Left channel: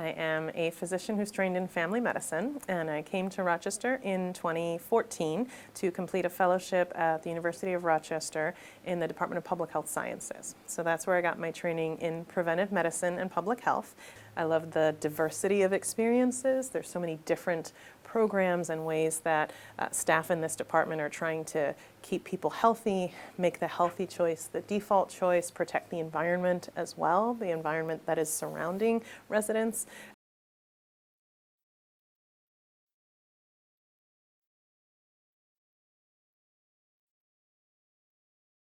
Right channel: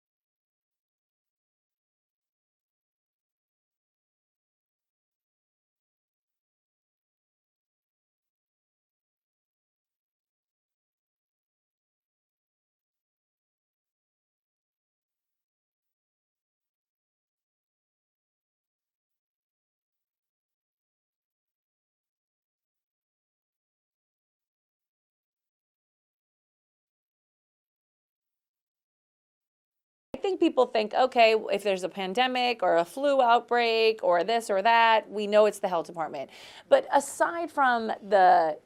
I am a physician who's trained in family medicine, and I came to Rochester in 2014 to complete a fellowship at the University of Rochester in the Department of Public Health Sciences. So that's where I got my training in preventive medicine and public health. I love the diversity of experiences. There's so many different programs and ways that staff in this department are trying to keep people healthy, make the healthy choice the default choice, protect the environment as well, the environment that is surrounding residents. I think people think, okay, if there's a pandemic or a flu outbreak or this or that, we know it's the health department. But aside from the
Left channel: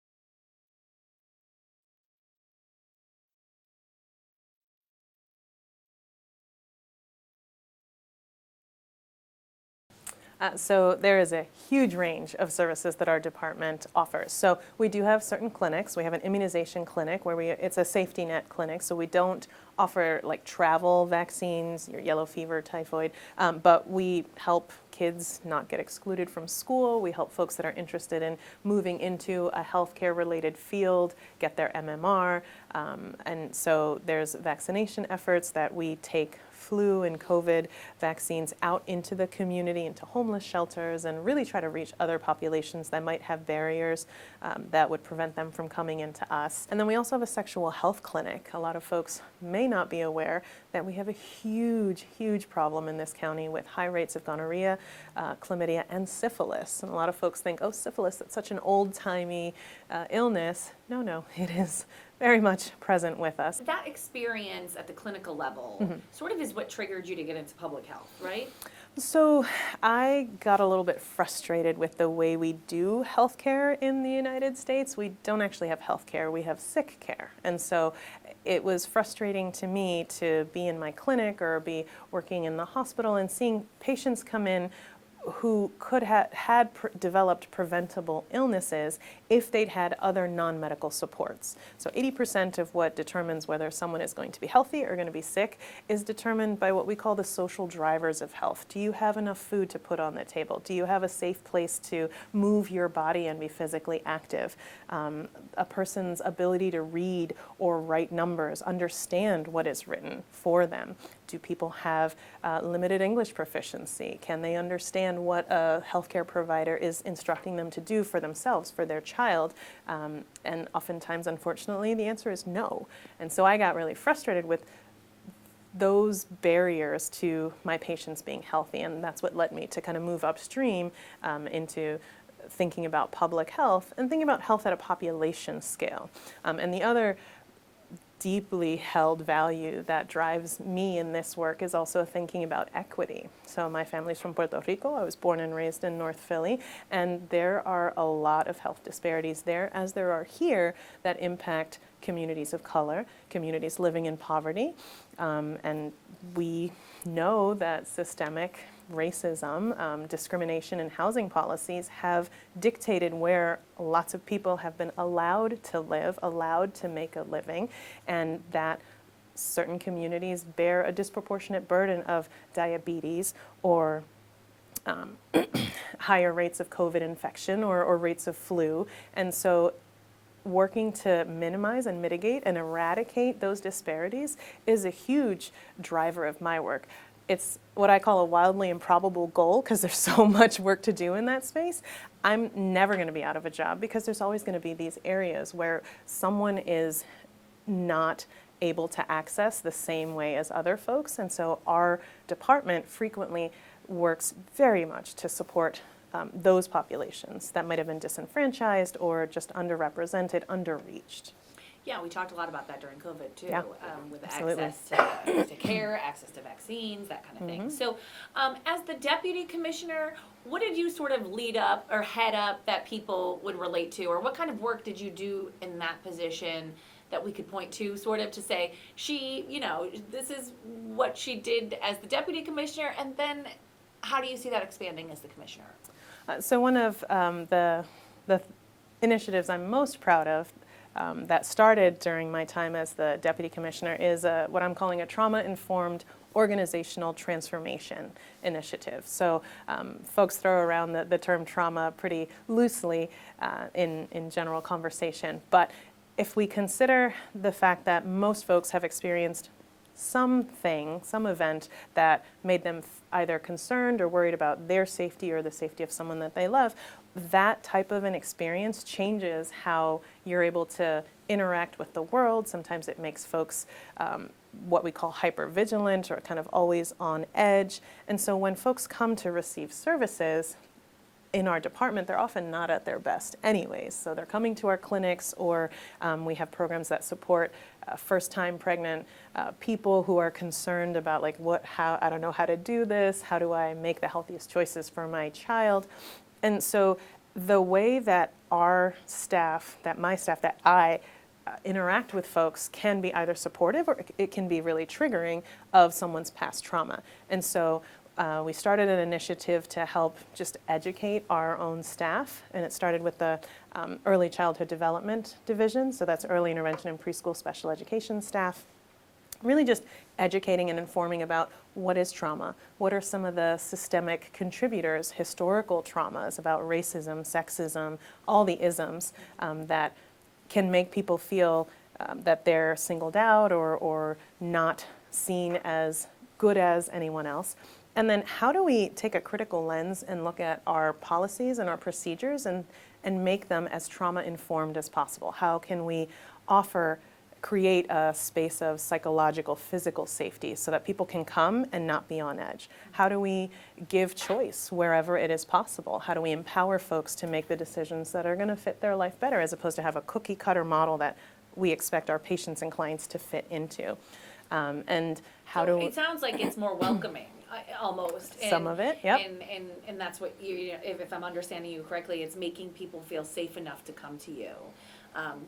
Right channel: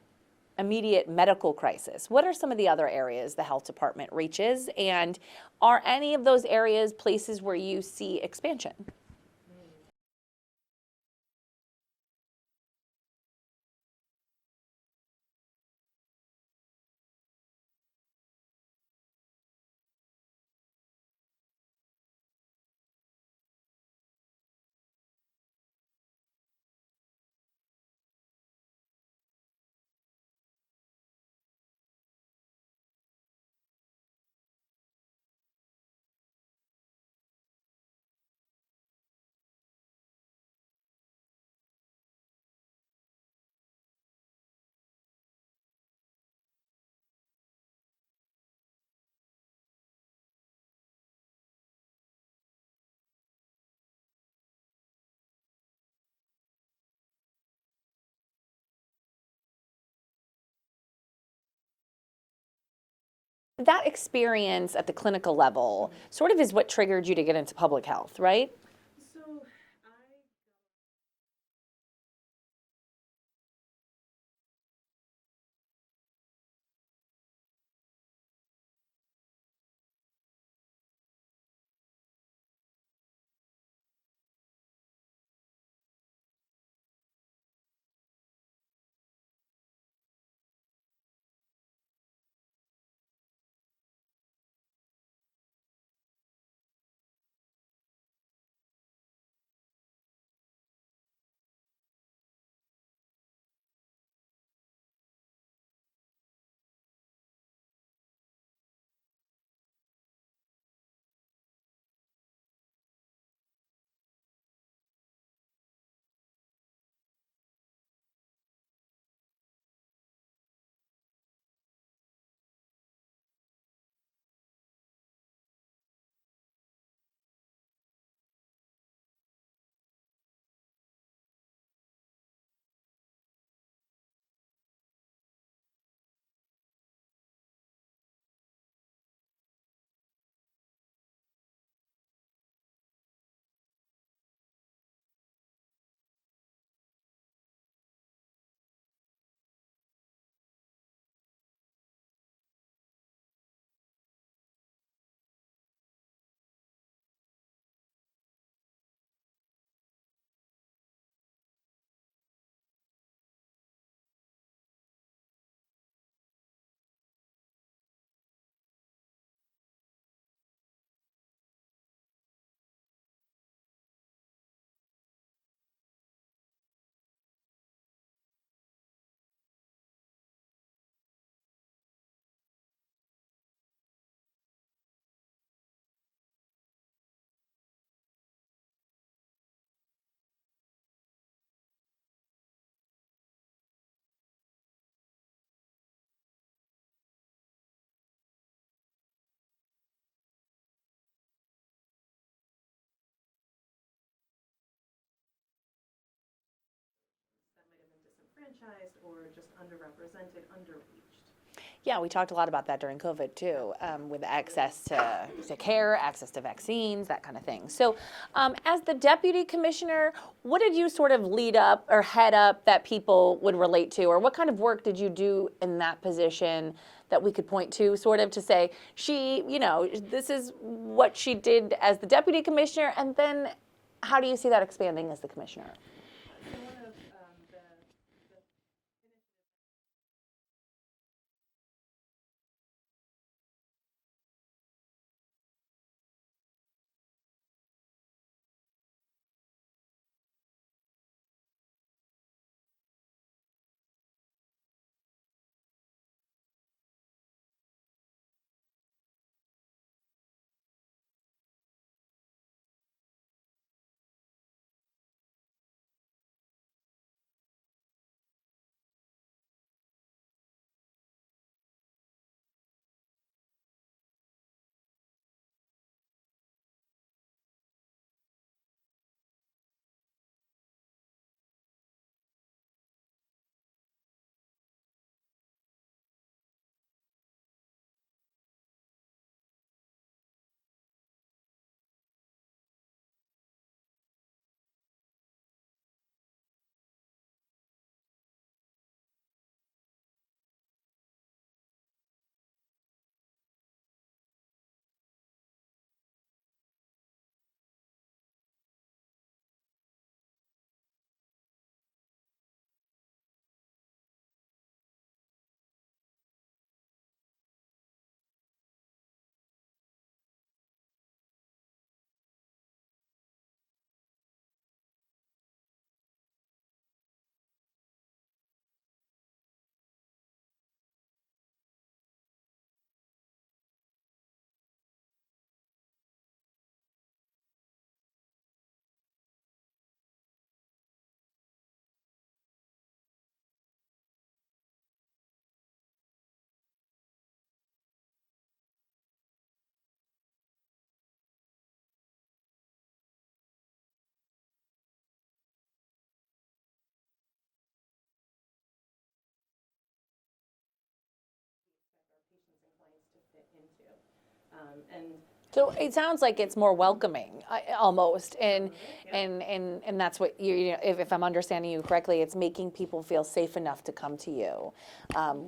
immediate medical crisis, what are some of the other areas the health department reaches? And are any of those areas places where you see expansion? So there is a huge range of services that our department offers. So we do have certain clinics. We have an immunization clinic where it's a safety net clinic, so we don't offer like travel vaccines, your yellow fever, typhoid, but we help kids not get excluded from school. We help folks that are interested in moving into a healthcare related field get their MMR. And so there's vaccination efforts that we take flu and COVID vaccines out into the community, into homeless shelters, and really try to reach other populations that might have barriers that would prevent them from coming into us. And then we also have a sexual health clinic. A lot of folks may not be aware that we have a huge, huge problem in this county with high rates of gonorrhea, chlamydia, and syphilis. And a lot of folks think, oh, syphilis, that's such an old-timey illness. No, it is very much present with us. That experience at the clinical level sort of is what triggered you to get into public health, right? So I got a little bit frustrated with the way we do healthcare in the United States. We don't actually have healthcare, we have sick care. And so it was frustrating to me to be in my clinic or be working in the hospital and seeing patients come in who could have developed preventable illnesses if they'd had other non-medical supports. So 80% of what determines whether someone is going to be healthy or going to be sick is determined by what we call the social drivers of health. Do you have enough food to put on the table? Do you have a safe place to move your body and be physically active? A person's ability to read or write numbers, understand what is written for them. Do people have limited English proficiency? Can they understand what a healthcare provider is instructing them to do for themselves, for their child? And oftentimes, unfortunately, the answer is no. And so I got really frustrated with those barriers to my patients being healthy, and that's what led me to kind of move upstream into thinking about public health and thinking about health at a population scale. And the other deeply held value that drives me in this work is also thinking about equity. So my family's from Puerto Rico. I was born and raised in North Philly, and there are a lot of health disparities there, as there are here, that impact communities of color, communities living in poverty. And we know that systemic racism, discrimination, and housing policies have dictated where lots of people have been allowed to live, allowed to make a living, and that certain communities bear a disproportionate burden of diabetes or higher rates of COVID infection or rates of flu. And so working to minimize and mitigate and eradicate those disparities is a huge driver of my work. It's what I call a wildly improbable goal because there's so much work to do in that space. I'm never going to be out of a job because there's always going to be these areas where someone is not able to access the same way as other folks. And so our department frequently works very much to support those populations that might have been disenfranchised or just underrepresented, underreached. Yeah, we talked a lot about that during COVID too, with Absolutely. access to care, access to vaccines, that kind of thing. So as the deputy commissioner, what did you sort of lead up or head up that people would relate to, or what kind of work did you do in that position that we could point to sort of to say, she, this is what she did as the deputy commissioner, and then how do you see that expanding as the commissioner? So one of the initiatives I'm most proud of that started during my time as the deputy commissioner is what I'm calling a trauma-informed organizational transformation initiative. So folks throw around the term trauma pretty loosely in general conversation, but if we consider the fact that most folks have experienced something, some event that made them either concerned or worried about their safety or the safety of someone that they love, that type of an experience changes how you're able to interact with the world. Sometimes it makes folks what we call hypervigilant or kind of always on edge. And so when folks come to receive services in our department, they're often not at their best anyways. So they're coming to our clinics, or we have programs that support first-time pregnant people who are concerned about like how, I don't know how to do this, how do I make the healthiest choices for my child? And so the way that our staff, that my staff, that I interact with folks can be either supportive or it can be really triggering of someone's past trauma. And so we started an initiative to help just educate our own staff, and it started with the Early Childhood Development Division, so that's early intervention and preschool special education staff. Really just educating and informing about what is trauma, what are some of the systemic contributors, historical traumas about racism, sexism, all the isms that can make people feel that they're singled out or not seen as good as anyone else. And then how do we take a critical lens and look at our policies and our procedures and make them as trauma-informed as possible? How can we create a space of psychological, physical safety so that people can come and not be on edge? How do we give choice wherever it is possible? How do we empower folks to make the decisions that are going to fit their life better, as opposed to have a cookie cutter model that we expect our patients and clients to fit into? And how so it sounds like it's more welcoming, almost. And, some of it, yep. And that's what you know, if I'm understanding you correctly, it's making people feel safe enough to come to you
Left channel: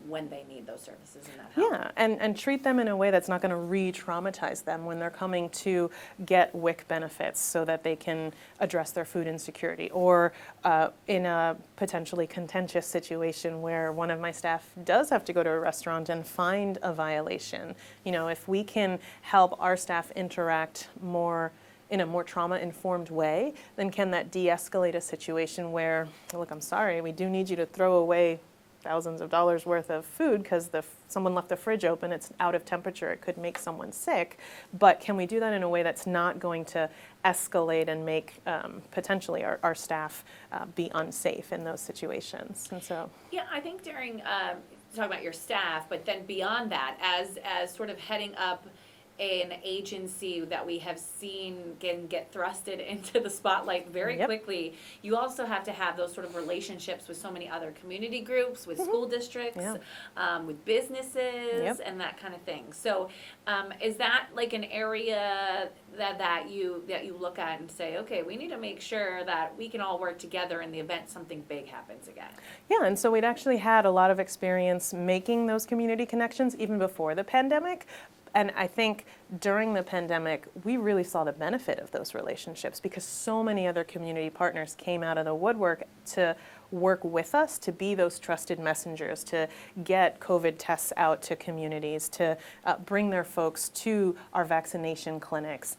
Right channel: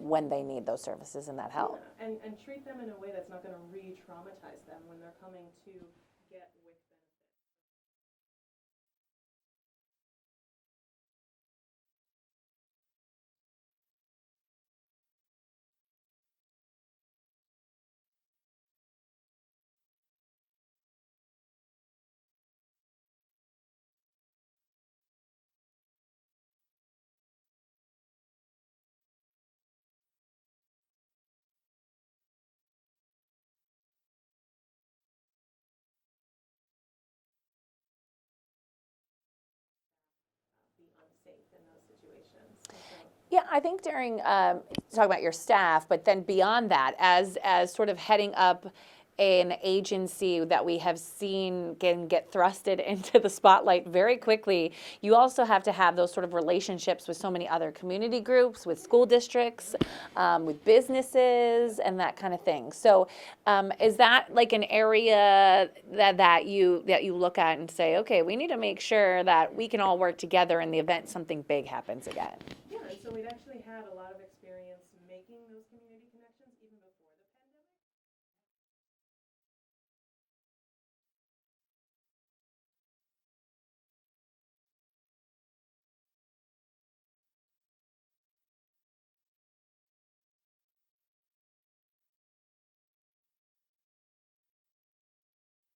when they need those services and that help. Yeah, and treat them in a way that's not going to re-traumatize them when they're coming to get WIC benefits so that they can address their food insecurity, or in a potentially contentious situation where one of my staff does have to go to a restaurant and find a violation. You know, if we can help our staff interact more in a more trauma-informed way, then can that de-escalate a situation where, look, I'm sorry, we do need you to throw away thousands of dollars worth of food because someone left the fridge open, it's out of temperature, it could make someone sick, but can we do that in a way that's not going to escalate and make potentially our staff be unsafe in those situations? And so, yeah, I think during talking about your staff, but then beyond that, as sort of heading up an agency that we have seen can get thrusted into the spotlight very quickly, you also have to have those sort of relationships with so many other community groups, with school districts, with businesses, and that kind of thing. So is that like an area that you look at and say, okay, we need to make sure that we can all work together in the event something big happens again? Yeah, and so we'd actually had a lot of experience making those community connections even before the pandemic. And I think during the pandemic, we really saw the benefit of those relationships because so many other community partners came out of the woodwork to work with us, to be those trusted messengers, to get COVID tests out to communities, to bring their folks to our vaccination clinics.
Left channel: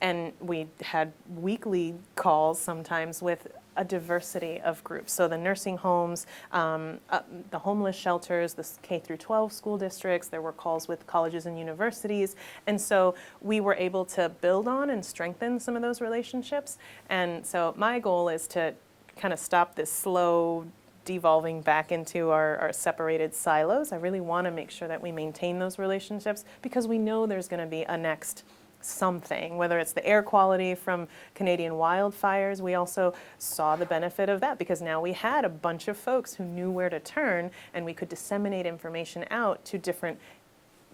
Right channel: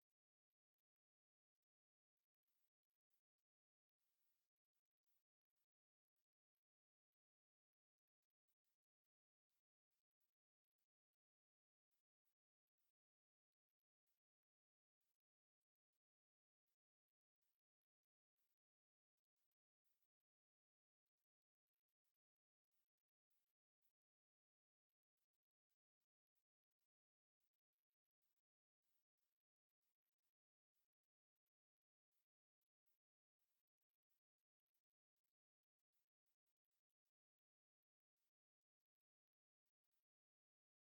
And we had weekly calls sometimes with a diversity of groups. So the nursing homes, the homeless shelters, the K through 12 school districts, there were calls with colleges and universities. And so we were able to build on and strengthen some of those relationships. And so my goal is to kind of stop this slow devolving back into our separated silos. I really want to make sure that we maintain those relationships because we know there's going to be a next something, whether it's the air quality from Canadian wildfires. We also saw the benefit of that because now we had a bunch of folks who knew where to turn and we could disseminate information out to different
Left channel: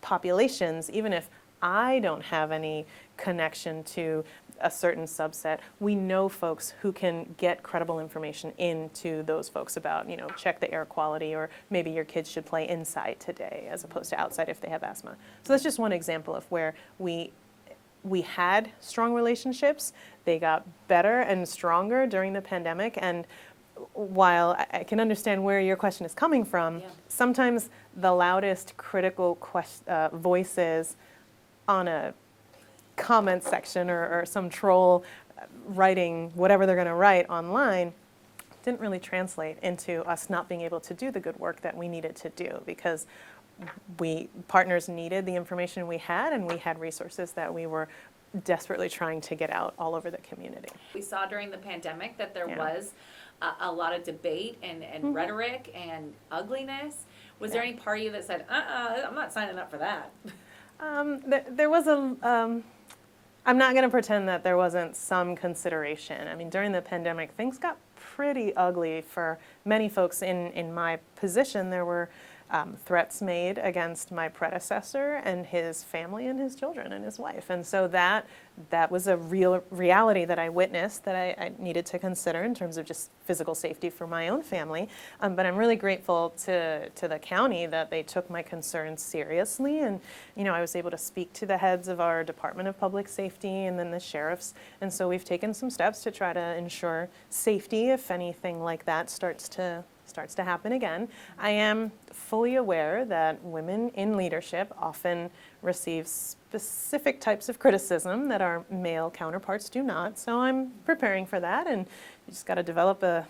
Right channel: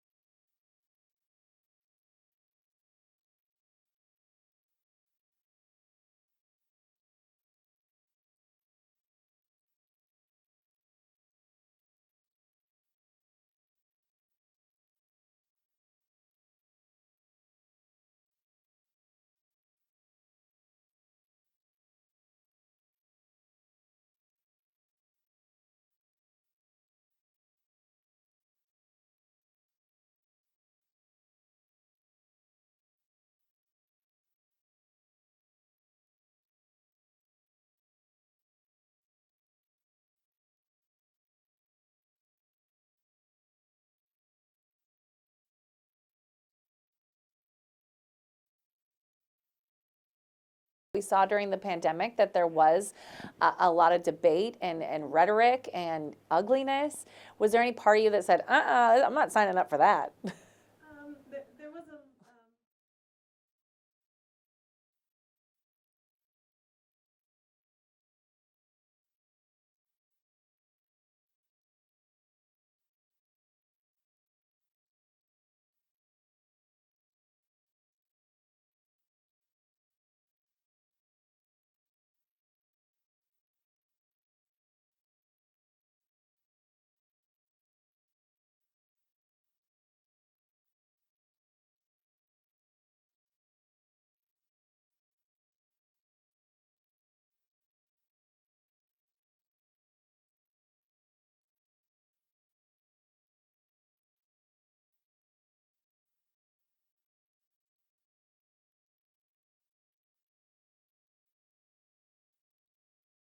populations. Even if I don't have any connection to a certain subset, we know folks who can get credible information into those folks about, you know, check the air quality, or maybe your kids should play inside today as opposed to outside if they have asthma. So that's just one example of where we had strong relationships. They got better and stronger during the pandemic. And while I can understand where your question is coming from, sometimes the loudest critical voices on a comment section or some troll writing whatever they're going to write online didn't really translate into us not being able to do the good work that we needed to do, because partners needed the information we had, and we had resources that we were desperately trying to get out all over the community. We saw during the pandemic that there Yeah. was a lot of debate and rhetoric and ugliness. Was there any part of you that said, I'm not signing up for that? There was I'm not going to pretend that there wasn't some consideration. I mean, during the pandemic, things got pretty ugly for many folks in my position. There were threats made against my predecessor and his family and his children and his wife. And so that was a real reality that I witnessed that I needed to consider in terms of just physical safety for my own family. But I'm really grateful to the county that they took my concerns seriously. And, I was able to speak to the heads of our Department of Public Safety and then the sheriffs. And so we've taken some steps to try to ensure safety if anything like that starts to happen again. I am fully aware that women in leadership often receive specific types of criticism that our male counterparts do not. So I'm preparing for that, and you just got to develop a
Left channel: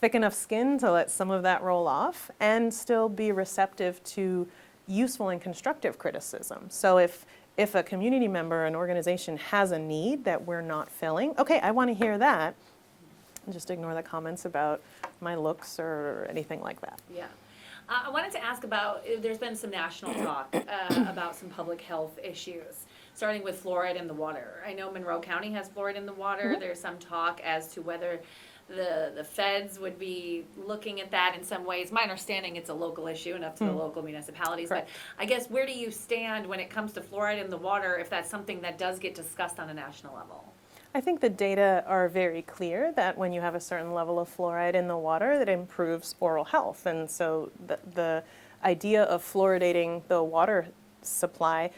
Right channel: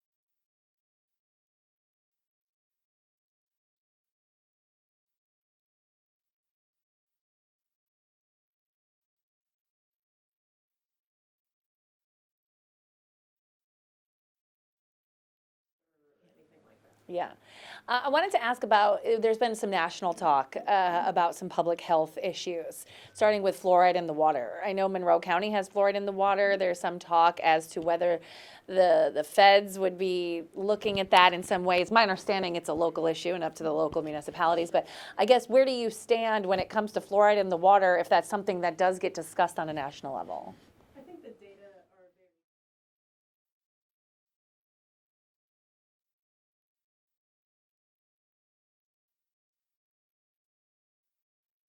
thick enough skin to let some of that roll off and still be receptive to useful and constructive criticism. So if a community member, an organization has a need that we're not filling, okay, I want to hear that. And just ignore the comments about my looks or anything like that. Yeah. I wanted to ask about, there's been some national talk about some public health issues, starting with fluoride in the water. I know Monroe County has fluoride in the water. There's some talk as to whether the feds would be looking at that in some ways. My understanding, it's a local issue and up to the local municipalities. Correct. But I guess, where do you stand when it comes to fluoride in the water, if that's something that does get discussed on a national level? I think the data are very clear that when you have a certain level of fluoride in the water, that improves oral health. And so the idea of fluoridating the water supply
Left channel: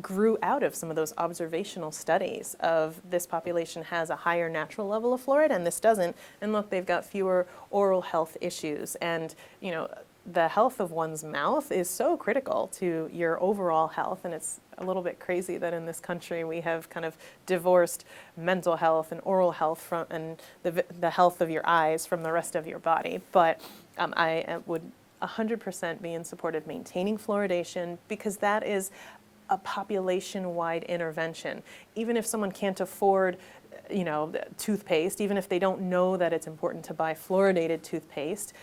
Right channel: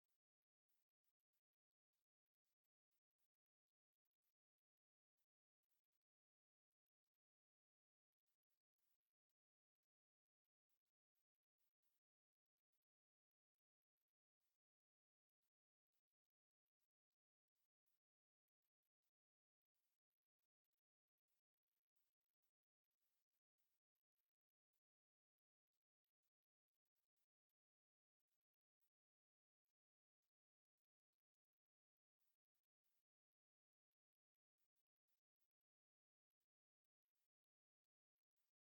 grew out of some of those observational studies of this population has a higher natural level of fluoride and this doesn't. And look, they've got fewer oral health issues. And, the health of one's mouth is so critical to your overall health, and it's a little bit crazy that in this country we have kind of divorced mental health and oral health from and the health of your eyes from the rest of your body. But I would 100% be in support of maintaining fluoridation because that is a population-wide intervention. Even if someone can't afford toothpaste, even if they don't know that it's important to buy fluoridated toothpaste,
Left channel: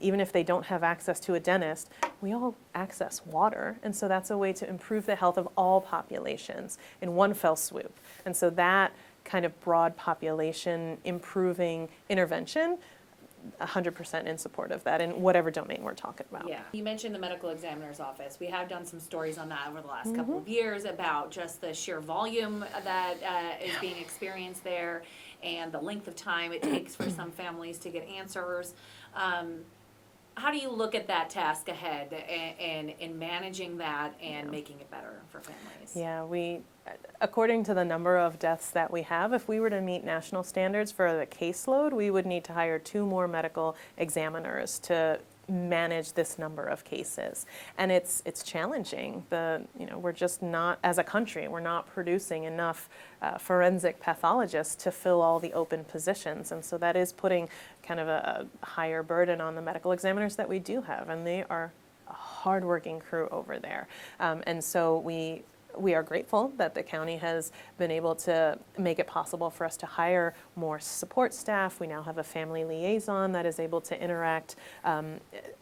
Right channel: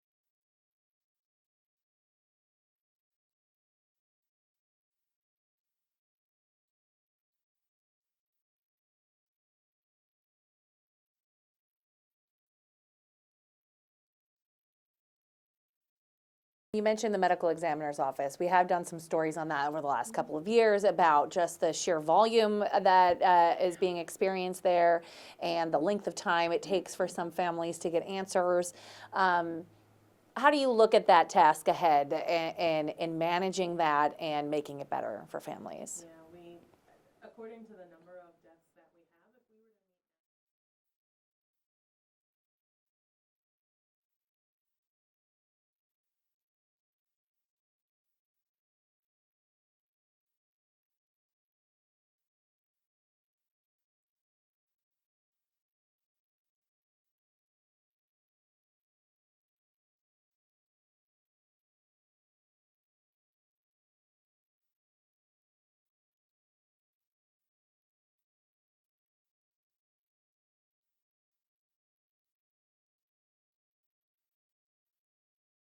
even if they don't have access to a dentist, we all access water. And so that's a way to improve the health of all populations in one fell swoop. And so that kind of broad population improving intervention, 100% in support of that in whatever domain we're talking about. Yeah. You mentioned the medical examiner's office. We have done some stories on that over the last couple of years about just the sheer volume that is being experienced there and the length of time it takes for some families to get answers. How do you look at that task ahead in managing that and making it better for families? Yeah, according to the number of deaths that we have, if we were to meet national standards for the caseload, we would need to hire 2 more medical examiners to manage this number of cases. And it's challenging. We're just not, as a country, we're not producing enough forensic pathologists to fill all the open positions. And so that is putting kind of a higher burden on the medical examiners that we do have. And they are a hardworking crew over there. And so we are grateful that the county has been able to make it possible for us to hire more support staff. We now have a family liaison that is able to interact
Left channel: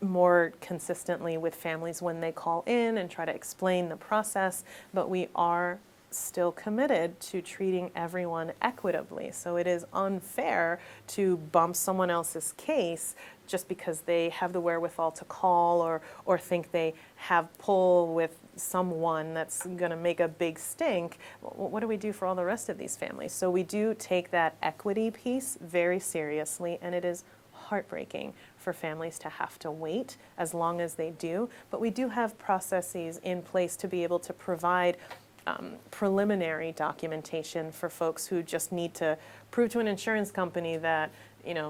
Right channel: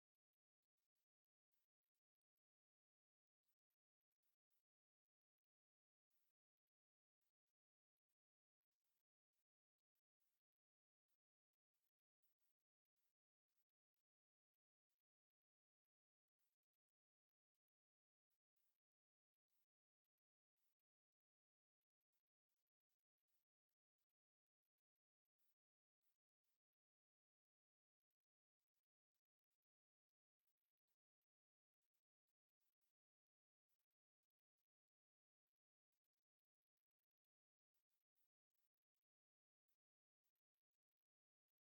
more consistently with families when they call in and try to explain the process. But we are still committed to treating everyone equitably. So it is unfair to bump someone else's case just because they have the wherewithal to call or think they have pull with someone that's going to make a big stink. What do we do for all the rest of these families? So we do take that equity piece very seriously, and it is heartbreaking for families to have to wait as long as they do. But we do have processes in place to be able to provide preliminary documentation for folks who just need to prove to an insurance company that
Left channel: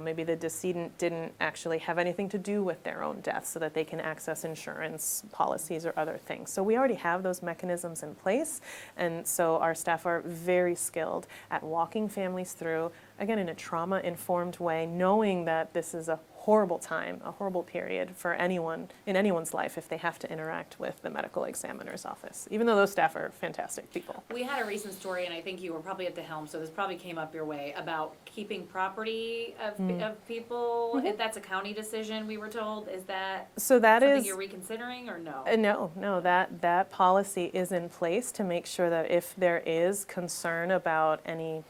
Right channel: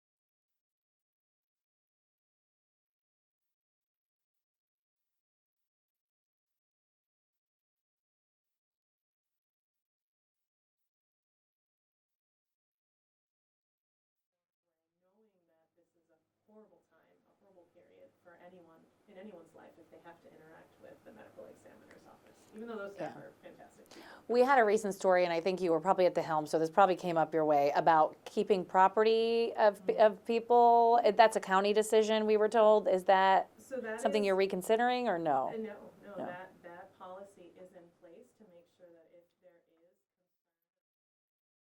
maybe the decedent didn't actually have anything to do with their own death so that they can access insurance policies or other things. So we already have those mechanisms in place, and so our staff are very skilled at walking families through, again, in a trauma-informed way, knowing that this is a horrible time, a horrible period for anyone in anyone's life if they have to interact with the medical examiner's office, even though those staff are fantastic people. We had a recent story, and I think you were probably at the helm, so this probably came up your way, about keeping property of people. That's a county decision, we were told. Is that So that something is you're reconsidering, or no? no. That policy is in place to make sure that if there is concern about any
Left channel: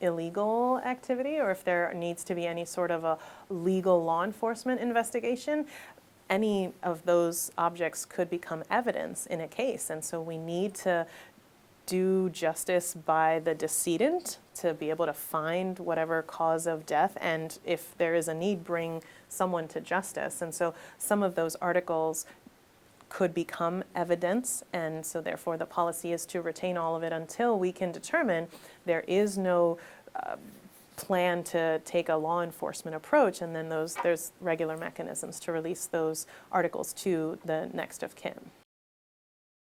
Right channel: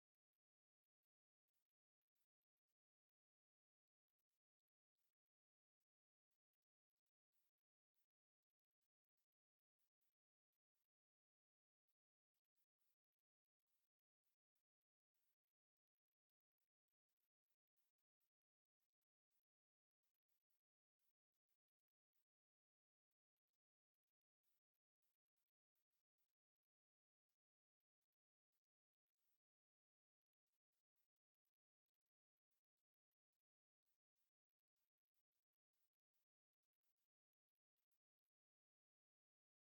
illegal activity, or if there needs to be any sort of a legal law enforcement investigation, any of those objects could become evidence in a case. And so we need to do justice by the decedent to be able to find whatever cause of death, and if there is a need, bring someone to justice. And so some of those articles could become evidence, and so therefore the policy is to retain all of it until we can determine there is no plan to take a law enforcement approach, and then there's regular mechanisms to release those articles to the next of kin.